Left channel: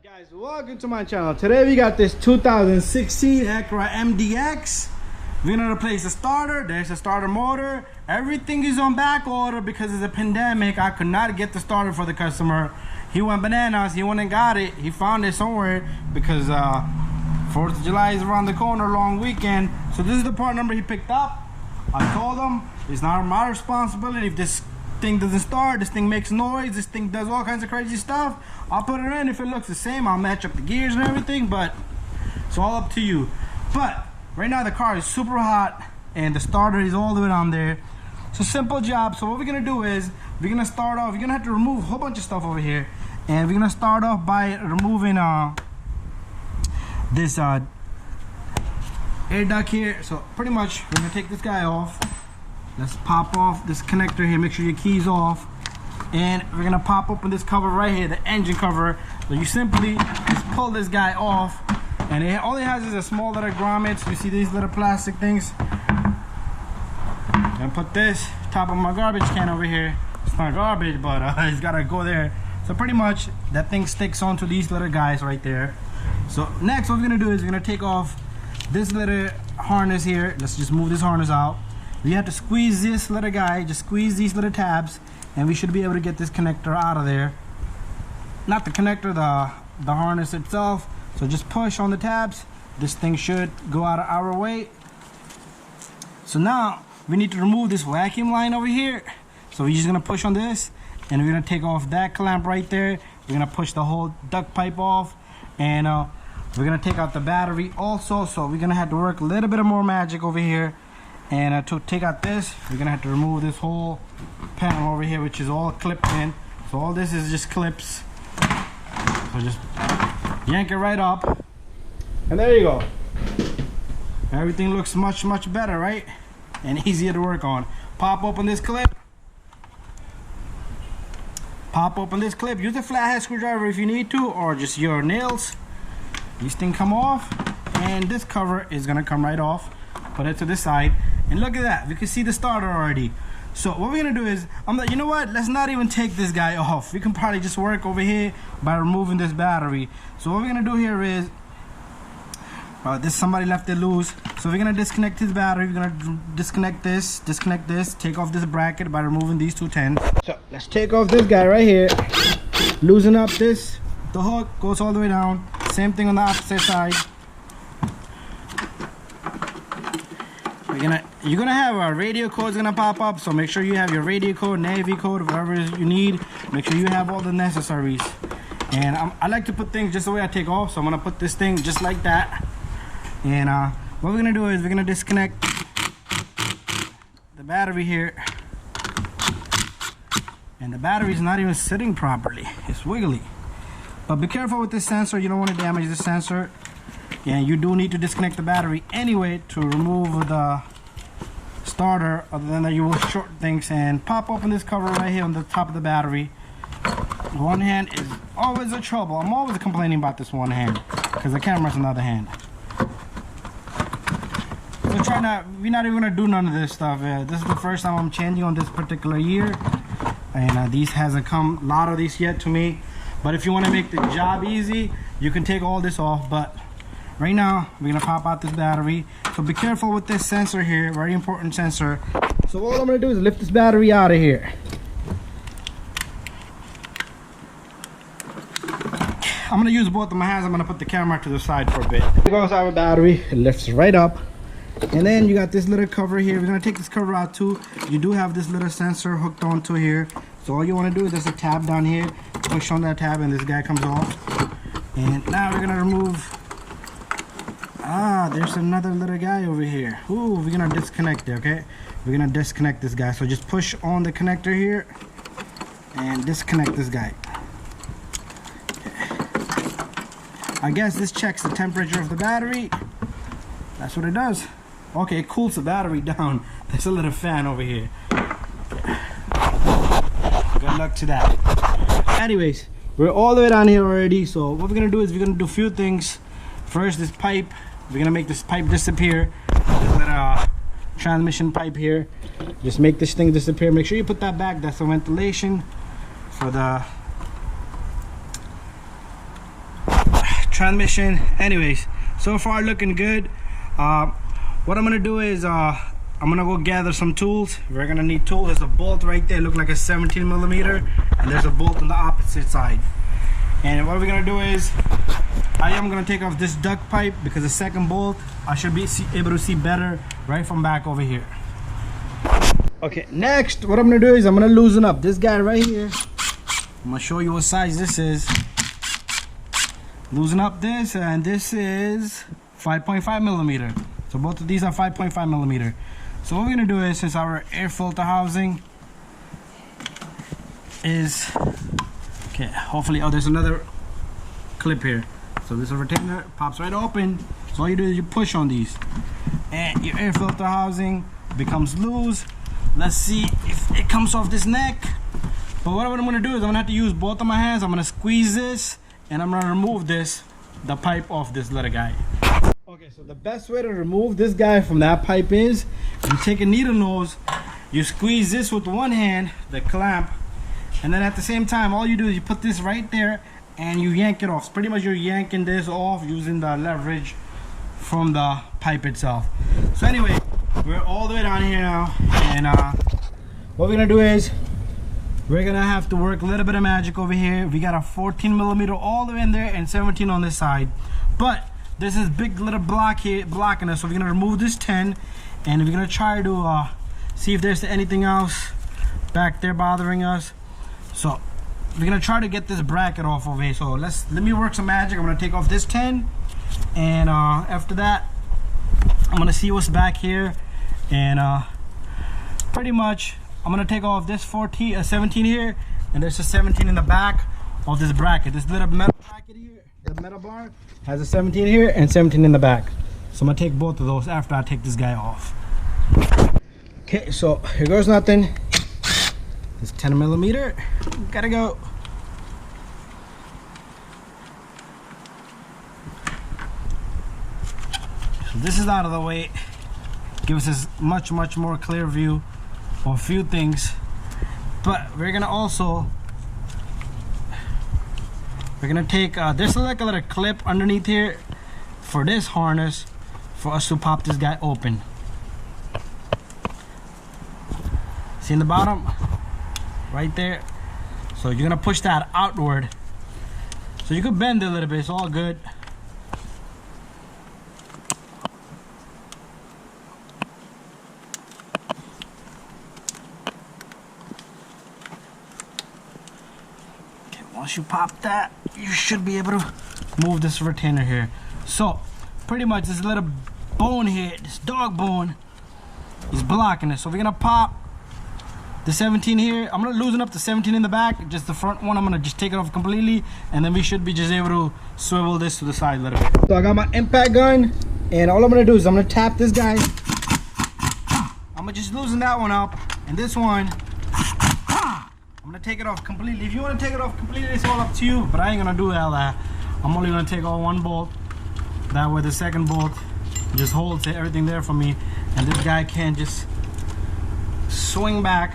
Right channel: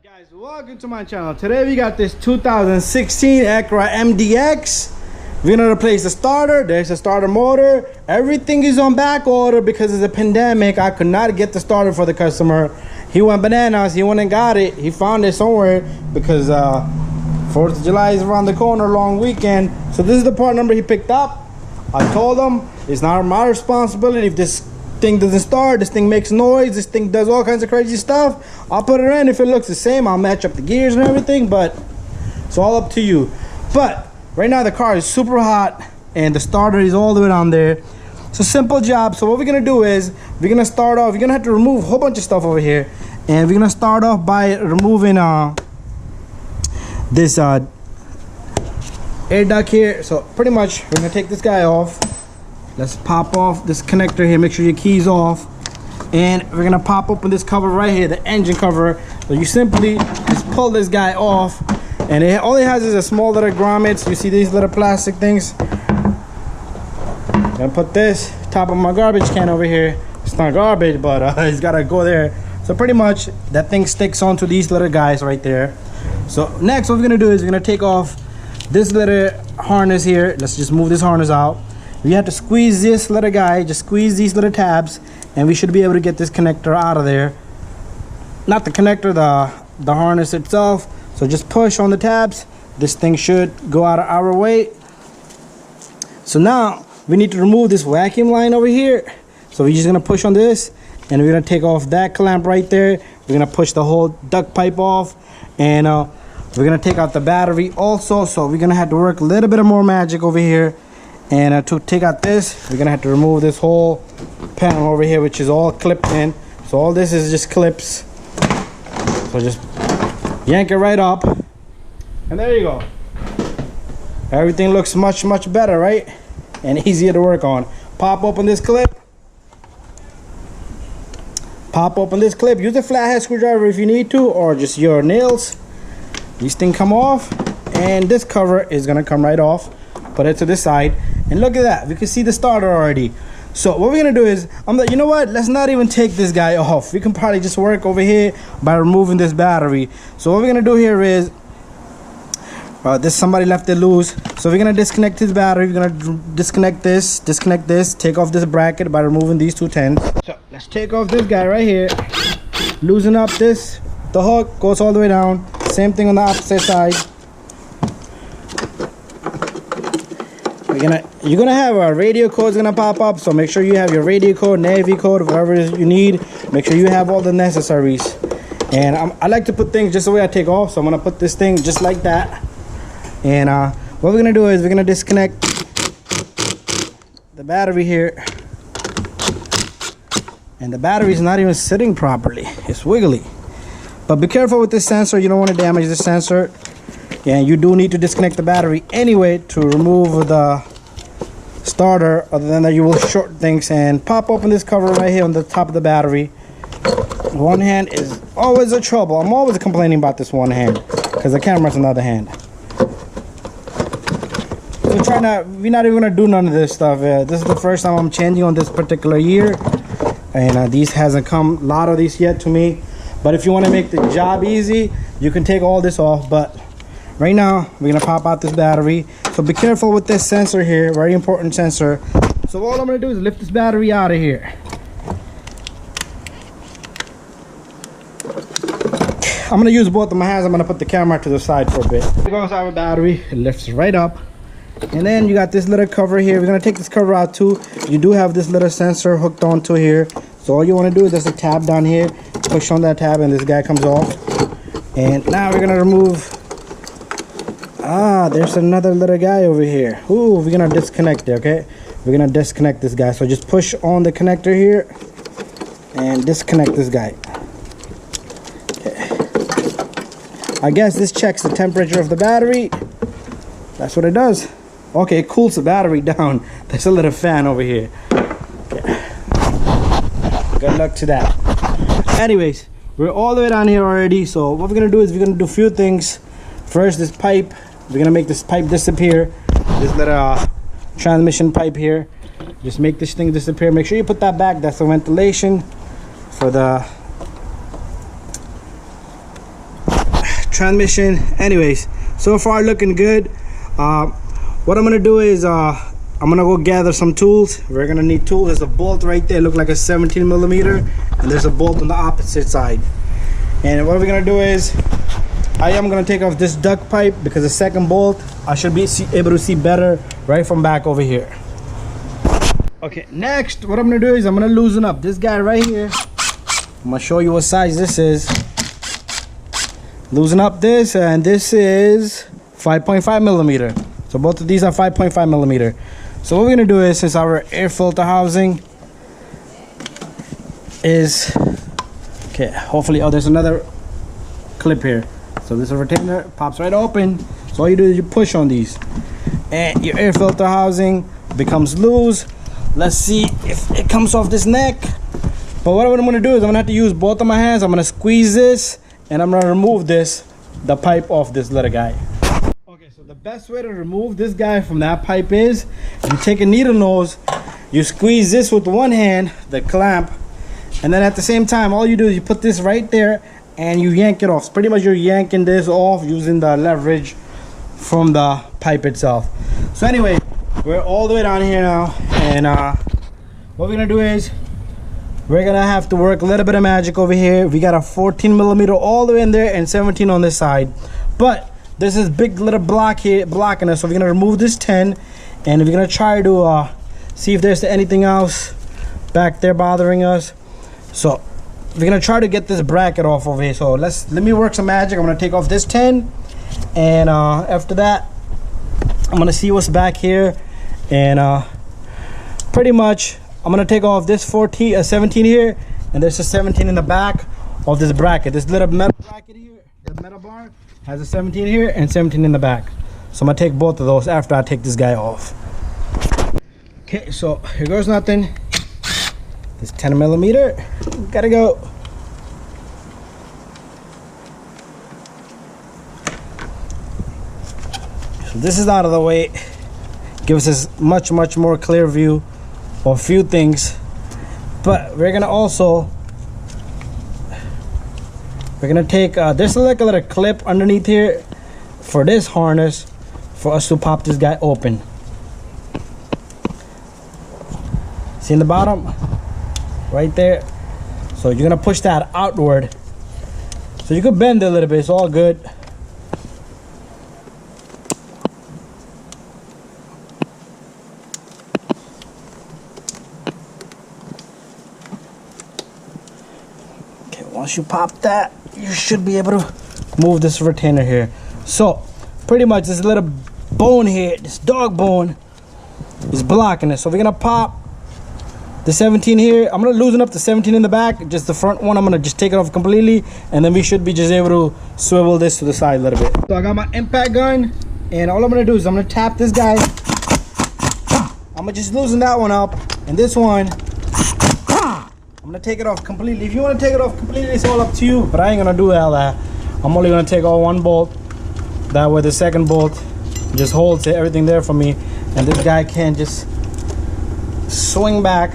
up, guys? Welcome to my channel. Today we got this 2016 Acura MDX. We're gonna replace the starter. There's a starter motor. Everything is on back order because of the pandemic. I could not get the starter for the customer. He went bananas. He went and got it. He found it somewhere because 4th of July is around the corner, long weekend. So this is the part number he picked up. I told him it's not my responsibility if this thing doesn't start, this thing makes noise, this thing does all kinds of crazy stuff. I'll put it in. If it looks the same, I'll match up the gears and everything, but it's all up to you. But right now the car is super hot and the starter is all the way down there. It's a simple job. So what we're gonna do is we're gonna start off, you're gonna have to remove a whole bunch of stuff over here, and we're gonna start off by removing this air duct here. So pretty much we're gonna take this guy off. Let's pop off this connector here, make sure your key's off, and we're gonna pop open this cover right here, the engine cover. So you simply just pull this guy off, and all it has is a small little grommets. You see these little plastic things? I'm gonna put this top of my garbage can over here. It's not garbage, but it's gotta go there. So pretty much that thing sticks onto these little guys right there. So next what we're gonna do is we're gonna take off this little harness here. Let's just move this harness out. We have to squeeze this little guy, just squeeze these little tabs, and we should be able to get this connector out of there. Not the connector, the harness itself. So just push on the tabs. This thing should go out of our way. So now we need to remove this vacuum line over here. So we're just gonna push on this, and we're gonna take off that clamp right there. We're gonna push the whole duct pipe off, and we're gonna take out the battery also. So we're gonna have to work a little bit of more magic over here. And to take out this, we're gonna have to remove this whole panel over here, which is all clipped in. So all this is just clips. So just yank it right up, and there you go. Everything looks much better, right? And easier to work on. Pop open this clip. Pop open this clip. Use a flathead screwdriver if you need to, or just your nails. These things come off, and this cover is gonna come right off. Put it to this side, and look at that, we can see the starter already. So what we're gonna do is, you know what, let's not even take this guy off. We can probably just work over here by removing this battery. So what we're gonna do here is, somebody left it loose, so we're gonna disconnect his battery. We're gonna disconnect this, take off this bracket by removing these two tins. So let's take off this guy right here, loosen up this, the hook goes all the way down. Same thing on the opposite side. You're gonna have a radio code's gonna pop up, so make sure you have your radio code, Navy code, whatever it is you need. Make sure you have all the necessaries. And I like to put things just the way I take off, so I'm gonna put this thing just like that. And what we're gonna do is we're gonna disconnect the battery here, and the battery is not even sitting properly, it's wiggly. But be careful with this sensor, you don't want to damage the sensor. And you do need to disconnect the battery anyway to remove the starter. Other than that, you will short things. And pop open this cover right here on the top of the battery. One hand is always a trouble. I'm always complaining about this one hand because the camera's on the other hand. We're not even gonna do none of this stuff. This is the first time I'm changing on this particular year, and these hasn't come a lot of these yet to me. But if you want to make the job easy, you can take all this off. But right now, we're gonna pop out this battery. So be careful with this sensor here, very important sensor. So all I'm gonna do is lift this battery out of here. I'm gonna use both of my hands. I'm gonna put the camera to the side for a bit. Here goes our battery, it lifts right up. And then you got this little cover here. We're gonna take this cover out too. You do have this little sensor hooked onto here. So all you wanna do is there's a tab down here. Push on that tab and this guy comes off. And now we're gonna remove, there's another little guy over here. Ooh, we're gonna disconnect it, okay? We're gonna disconnect this guy. So just push on the connector here and disconnect this guy. Okay. I guess this checks the temperature of the battery. That's what it does. Okay, it cools the battery down. There's a little fan over here. Okay. Good luck to that. Anyways, we're all the way down here already. So what we're gonna do is we're gonna do a few things. First, this pipe. We're gonna make this pipe disappear. This little transmission pipe here. Just make this thing disappear. Make sure you put that back. That's the ventilation for the transmission. Anyways, so far looking good. What I'm gonna do is I'm gonna go gather some tools. We're gonna need tools. There's a bolt right there, look like a 17 millimeter, and there's a bolt on the opposite side. And what we're gonna do is I am gonna take off this duct pipe because the second bolt I should be able to see better right from back over here. Okay, next what I'm gonna do is I'm gonna loosen up this guy right here. I'm gonna show you what size this is. Loosen up this, and this is 5.5 millimeter. So both of these are 5.5 millimeter. So what we're gonna do is, since our air filter housing is okay, hopefully, oh, there's another clip here. So this retainer pops right open. So all you do is you push on these, and your air filter housing becomes loose. Let's see if it comes off this neck. But what I'm gonna do is I'm gonna have to use both of my hands. I'm gonna squeeze this, and I'm gonna remove the pipe off this little guy. Okay, so the best way to remove this guy from that pipe is you take a needle nose, you squeeze this with one hand, the clamp, and then at the same time, all you do is you put this right there and you yank it off. So pretty much you're yanking this off using the leverage from the pipe itself. So anyway, we're all the way down here now, and what we're gonna do is we're gonna have to work a little bit of magic over here. We got a 14 millimeter all the way in there and 17 on this side, but there's this big little block here blocking us. So we're gonna remove this 10, and we're gonna try to see if there's anything else back there bothering us. So we're gonna try to get this bracket off over here. So let me work some magic. I'm gonna take off this 10, and after that I'm gonna see what's back here, and pretty much I'm gonna take off this 17 here, and there's a 17 in the back of this bracket. This little metal bracket here, the metal bar, has a 17 here and 17 in the back. So I'm gonna take both of those after I take this guy off. Okay, so here goes nothing. This 10 millimeter, gotta go. So this is out of the way. Gives us much more clear view of a few things. But we're gonna take there's like a little clip underneath here for this harness for us to pop this guy open. See in the bottom right there? So you're gonna push that outward, so you could bend it a little bit. It's all good. Once you pop that, you should be able to move this retainer here. So pretty much this little bone here, this dog bone, is blocking it. So we're gonna pop the 17 here. I'm gonna loosen up the 17 in the back, just the front one. I'm gonna just take it off completely, and then we should be just able to swivel this to the side a little bit. So I got my impact gun, and all I'm gonna do is I'm gonna tap this guy. I'm gonna just loosen that one up, and this one I'm gonna take it off completely. If you want to take it off completely, it's all up to you, but I ain't gonna do all that. I'm only gonna take off one bolt. That way the second bolt just holds everything there for me, and this guy can just swing back.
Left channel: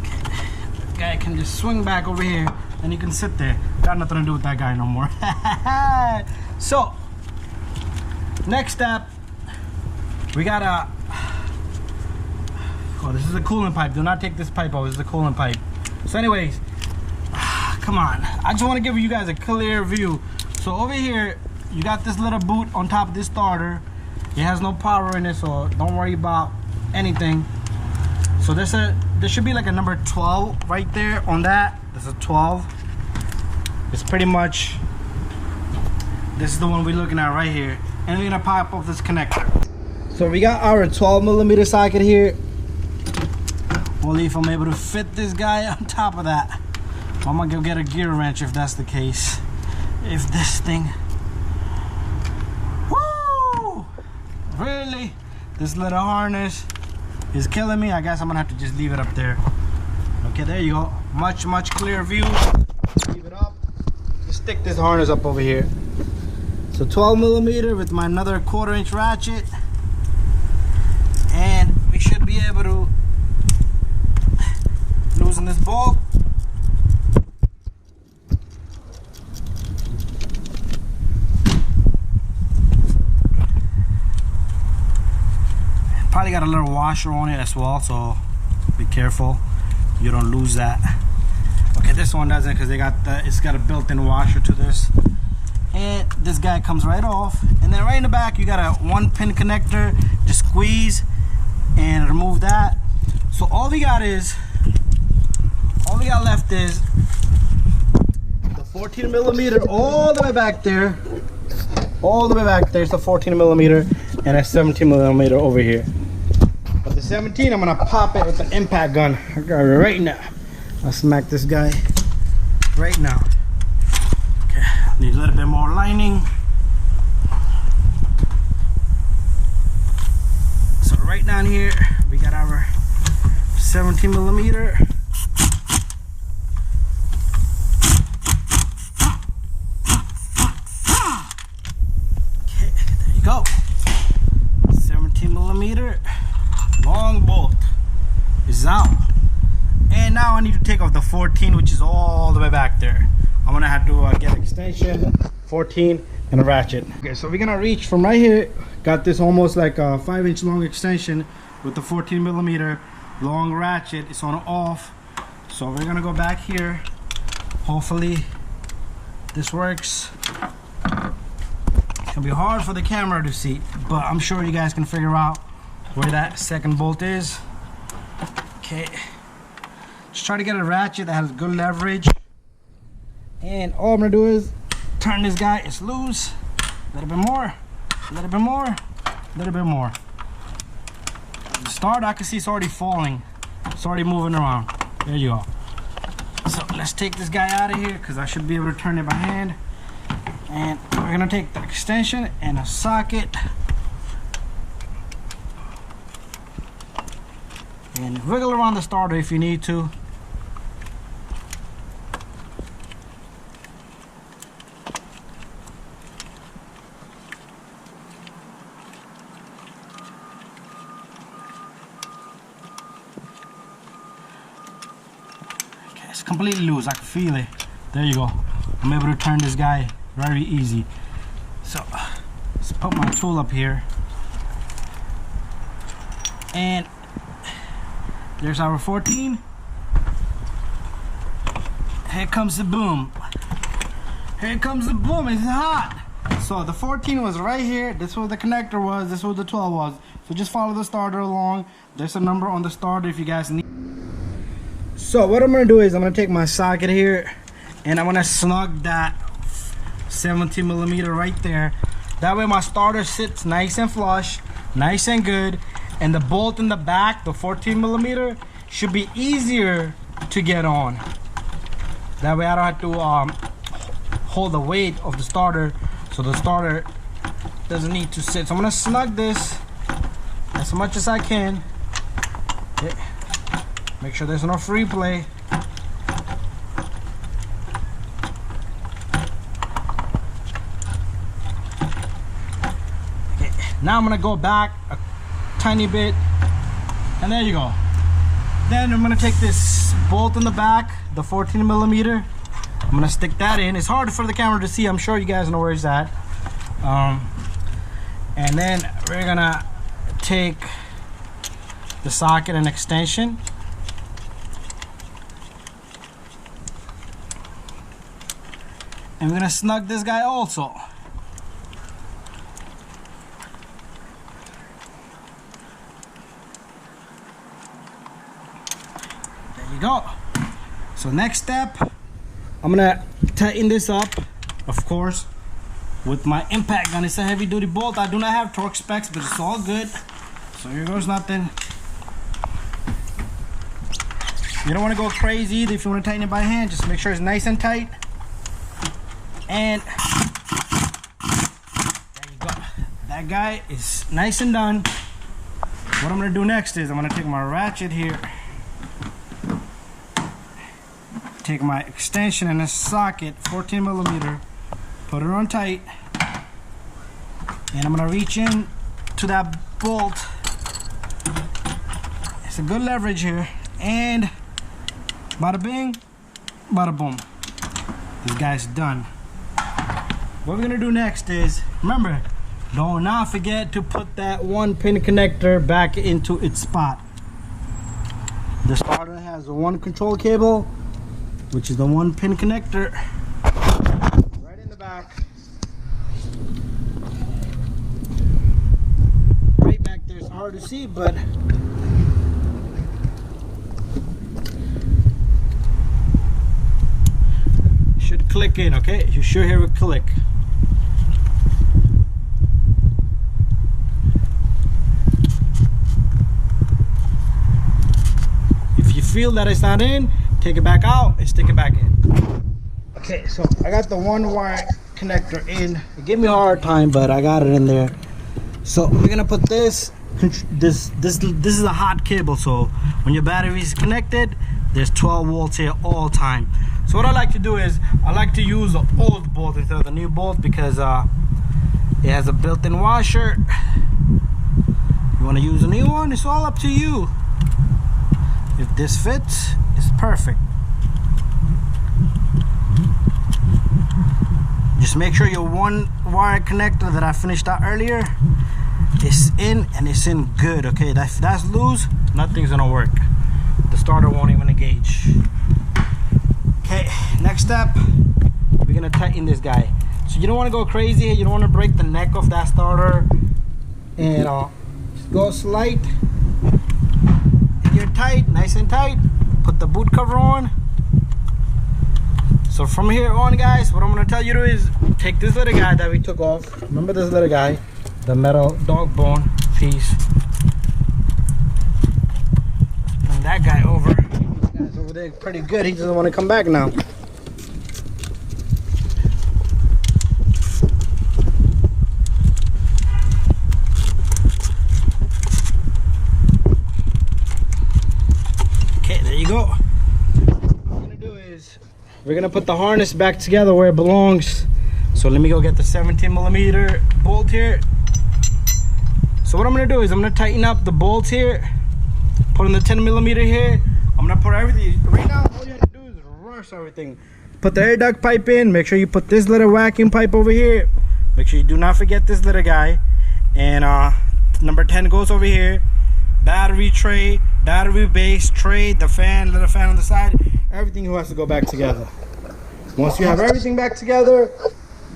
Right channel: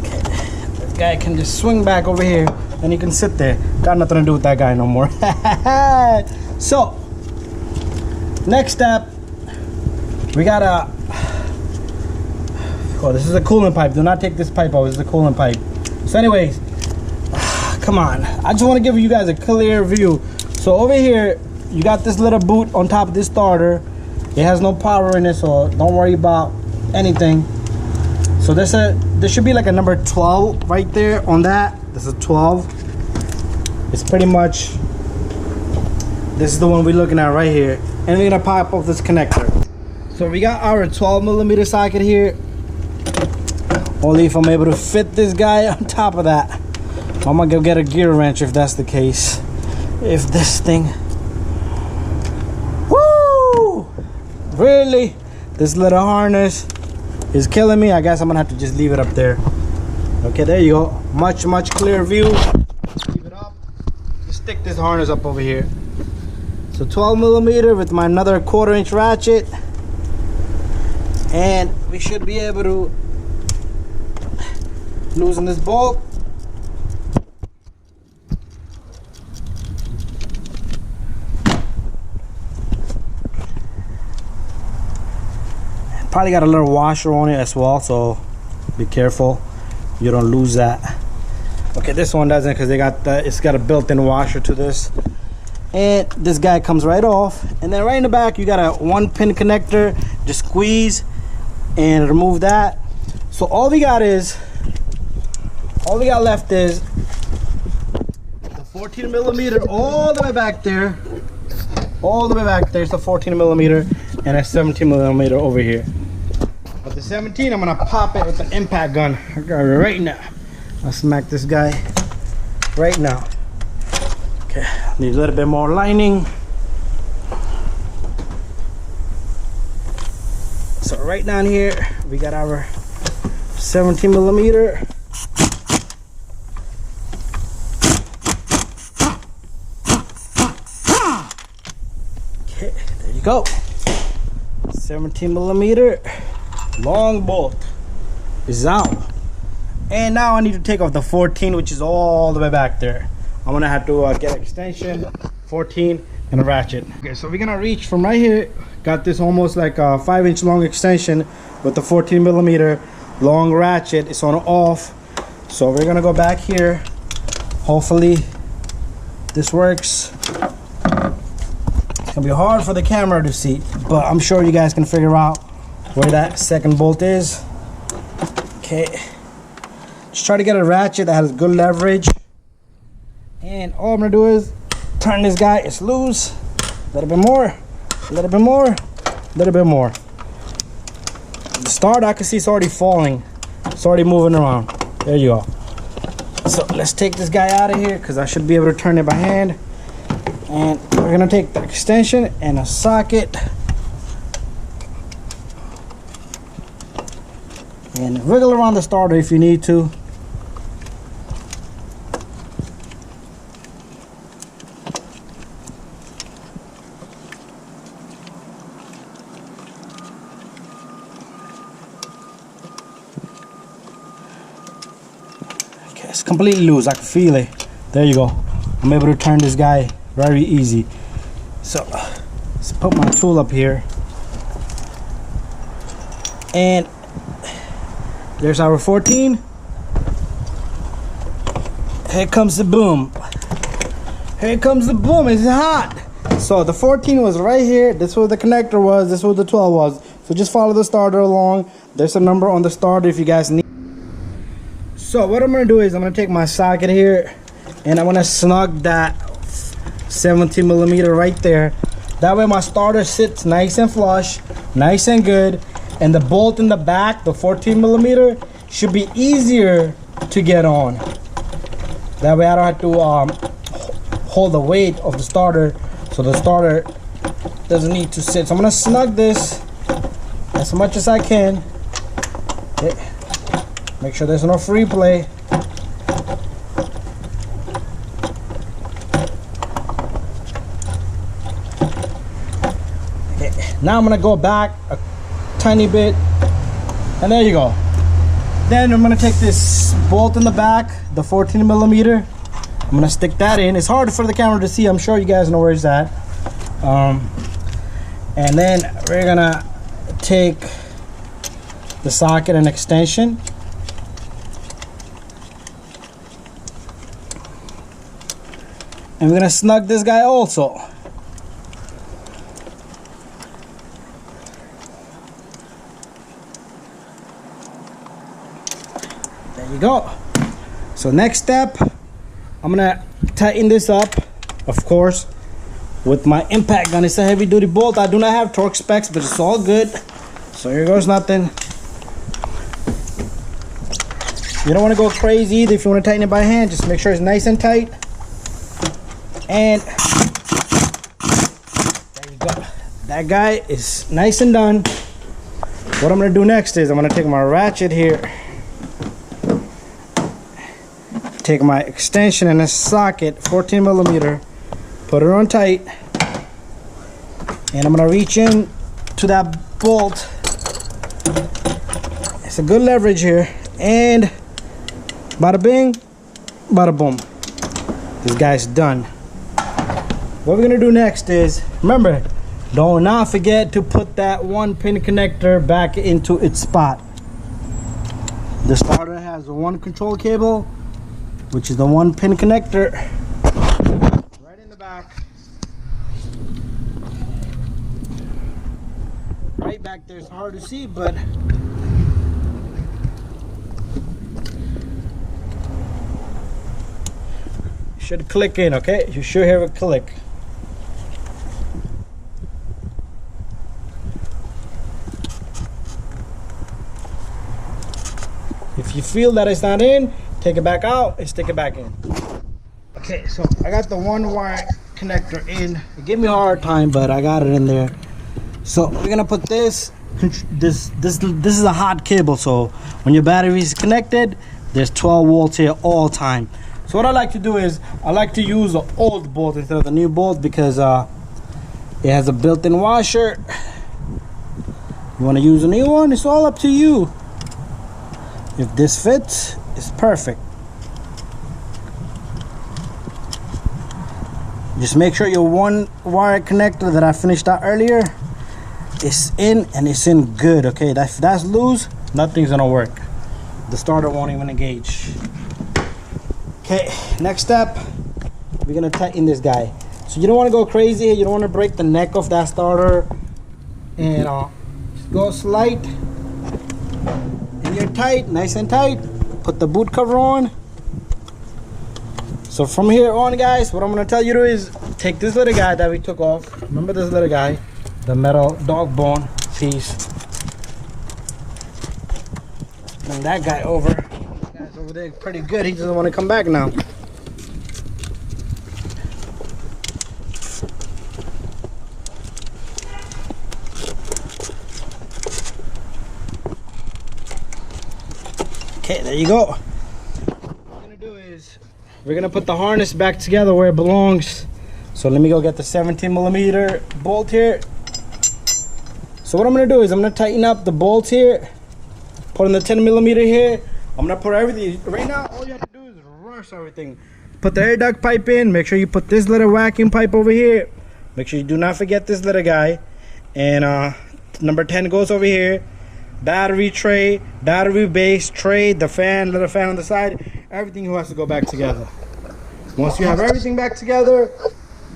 Okay. This guy can just swing back over here, and he can sit there. Got nothing to do with that guy no more. So next step, we gotta, oh, this is a coolant pipe. Do not take this pipe out. This is a coolant pipe. So anyways, come on. I just want to give you guys a clear view. So over here, you got this little boot on top of this starter. It has no power in it, so don't worry about anything. So there should be like a number 12 right there on that. This is 12. It's pretty much, this is the one we're looking at right here. And we're gonna pop off this connector. So we got our 12 millimeter socket here. Only if I'm able to fit this guy on top of that. I'm gonna go get a gear wrench if that's the case. If this thing, woo, really, this little harness is killing me. I guess I'm gonna have to just leave it up there. Okay, there you go. Much clearer view. Leave it up. Just stick this harness up over here. So 12 millimeter with my another 1/4 inch ratchet, and we should be able to loosen this bolt. Probably got a little washer on it as well, so be careful you don't lose that. Okay, this one doesn't, because it's got a built-in washer to this. And this guy comes right off, and then right in the back you got a 1-pin connector. Just squeeze and remove that. So all we got left is the 14 millimeter all the way back there. All the way back there is the 14 millimeter and a 17 millimeter over here. But the 17, I'm gonna pop it with an impact gun right now. I'll smack this guy right now. Okay, need a little bit more lining. So right down here, we got our 17 millimeter. Okay, there you go. 17 millimeter long bolt is out. And now I need to take off the 14, which is all the way back there. I'm gonna have to get an extension, 14, and a ratchet. Okay, so we're gonna reach from right here. Got this almost like a 5-inch long extension with the 14 millimeter long ratchet. It's on off. So we're gonna go back here. Hopefully this works. It's gonna be hard for the camera to see, but I'm sure you guys can figure out where that second bolt is. Okay, just try to get a ratchet that has good leverage. And all I'm gonna do is turn this guy. It's loose. A little bit more, a little bit more, a little bit more. The start, I can see it's already falling. It's already moving around. There you go. So let's take this guy out of here, because I should be able to turn it by hand. And we're gonna take the extension and a socket and wiggle around the starter if you need to. Okay, it's completely loose. I can feel it. There you go. I'm able to turn this guy very easy. So let's put my tool up here, and there's our 14. Here comes the boom. Here comes the boom. It's hot. So the 14 was right here. This is where the connector was. This is where the 12 was. So just follow the starter along. There's a number on the starter if you guys need. So what I'm gonna do is I'm gonna take my socket here, and I'm gonna snug that 17 millimeter right there. That way my starter sits nice and flush, nice and good. And the bolt in the back, the 14 millimeter, should be easier to get on. That way I don't have to hold the weight of the starter, so the starter doesn't need to sit. So I'm gonna snug this as much as I can. Okay. Make sure there's no free play. Okay. Now I'm gonna go back a tiny bit, and there you go. Then I'm gonna take this bolt in the back, the 14 millimeter. I'm gonna stick that in. It's hard for the camera to see. I'm sure you guys know where it's at. And then we're gonna take the socket and extension. And we're gonna snug this guy also. There you go. So next step, I'm gonna tighten this up, of course, with my impact gun. It's a heavy duty bolt. I do not have torque specs, but it's all good. So here goes nothing. You don't want to go crazy either. If you want to tighten it by hand, just make sure it's nice and tight. And there you go. That guy is nice and done. What I'm gonna do next is I'm gonna take my ratchet here, take my extension and a socket, 14 millimeter, put it on tight, and I'm gonna reach in to that bolt. It's a good leverage here, and bada bing, bada boom. This guy's done. What we're gonna do next is, remember, Do not forget to put that 1-pin connector back into its spot. The starter has a 1 control cable, which is the 1-pin connector, right in the back. Right back there. It's hard to see, but it should click in, okay? You should hear it click. If you feel that it's not in, take it back out and stick it back in. Okay, so I got the 1-wire connector in. It gave me a hard time, but I got it in there. So we're gonna put this is a hot cable, so when your battery is connected, there's 12 volts here all time. So what I like to do is I like to use the old bolt instead of the new bolt, because it has a built-in washer. You want to use a new one, it's all up to you. If this fits, it's perfect. Just make sure your 1-wire connector that I finished out earlier is in, and it's in good, okay? If that's loose, nothing's gonna work. The starter won't even engage. Okay, next step, we're gonna tighten this guy. So you don't want to go crazy, you don't want to break the neck of that starter, and just go slight, and you're tight, nice and tight. Put the boot cover on. So from here on, guys, what I'm gonna tell you to do is take this little guy that we took off. Remember this little guy, the metal dog bone piece. Bring that guy over. This guy's over there pretty good. He doesn't want to come back now. Okay, there you go. What we're gonna do is we're gonna put the harness back together where it belongs. So let me go get the 17mm bolt here. So what I'm gonna do is I'm gonna tighten up the bolts here, put in the 10mm here. I'm gonna put everything. Right now, all you have to do is reverse everything. Put the air duct pipe in. Make sure you put this little vacuum pipe over here. Make sure you do not forget this little guy. And number 10 goes over here. Battery tray, battery base tray, the fan, little fan on the side. Everything has to go back together. Once you have everything back together,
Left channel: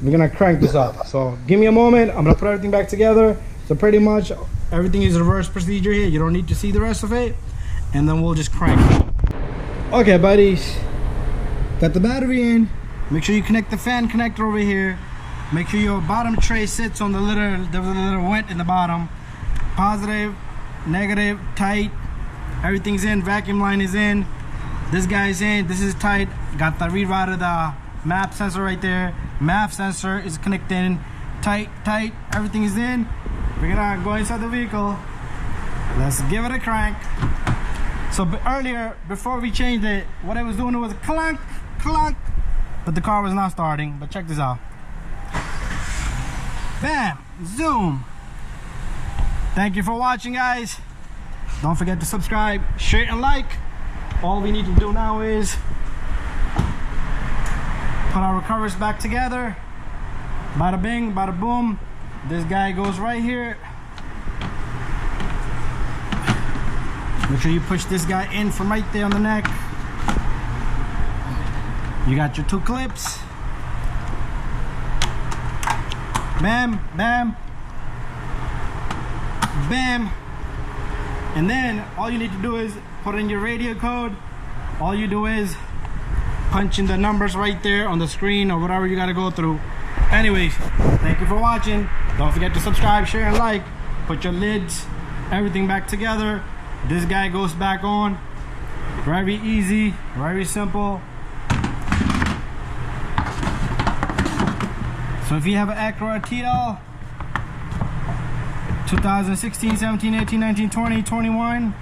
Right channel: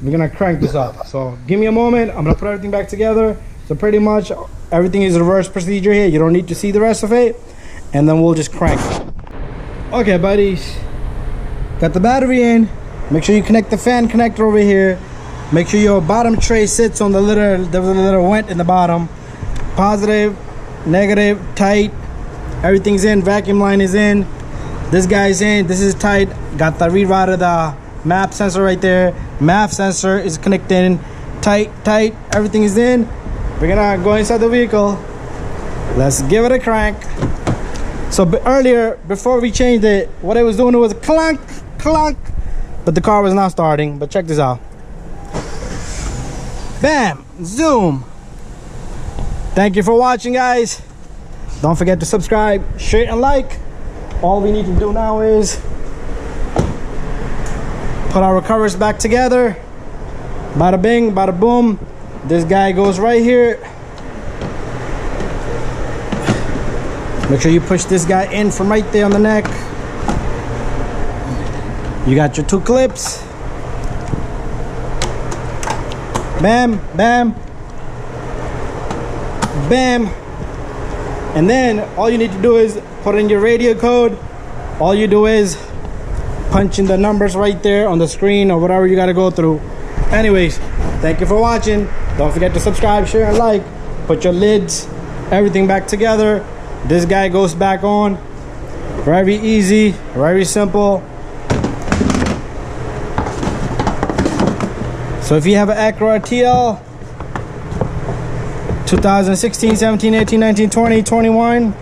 we're gonna crank this up. So give me a moment. I'm gonna put everything back together. So pretty much everything is reverse procedure here. You don't need to see the rest of it, and then we'll just crank it. Okay, buddies, got the battery in. Make sure you connect the fan connector over here. Make sure your bottom tray sits on the little vent in the bottom. Positive, negative, tight. Everything's in. Vacuum line is in. This guy's in. This is tight. Got the read out of the map sensor right there. Map sensor is connected in. Tight. Everything is in. We're gonna go inside the vehicle. Let's give it a crank. So earlier, before we changed it, what it was doing, it was clunk, clunk, but the car was not starting. But check this out. Bam, zoom. Thank you for watching, guys. Don't forget to subscribe, share, and like. All we need to do now is put our covers back together. Bada bing, bada boom. This guy goes right here. Make sure you push this guy in from right there on the neck. You got your 2 clips. Bam, bam, bam. And then all you need to do is put in your radio code. All you do is punch in the numbers right there on the screen or whatever you got to go through. Anyways, thank you for watching. Don't forget to subscribe, share, and like. Put your lids, everything back together. This guy goes back on. Very easy, very simple. So if you have an Acura TL 2016, 17, 18, 19, 20, 21,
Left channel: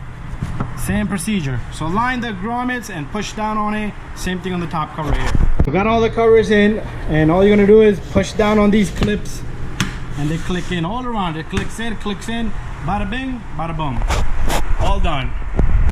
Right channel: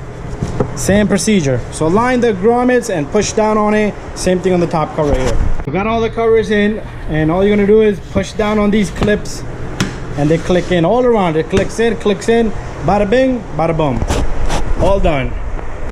same procedure. So line the grommets and push down on it. Same thing on the top cover here. We got all the covers in, and all you're gonna do is push down on these clips, and they click in all around. It clicks in, bada bing, bada boom. All done.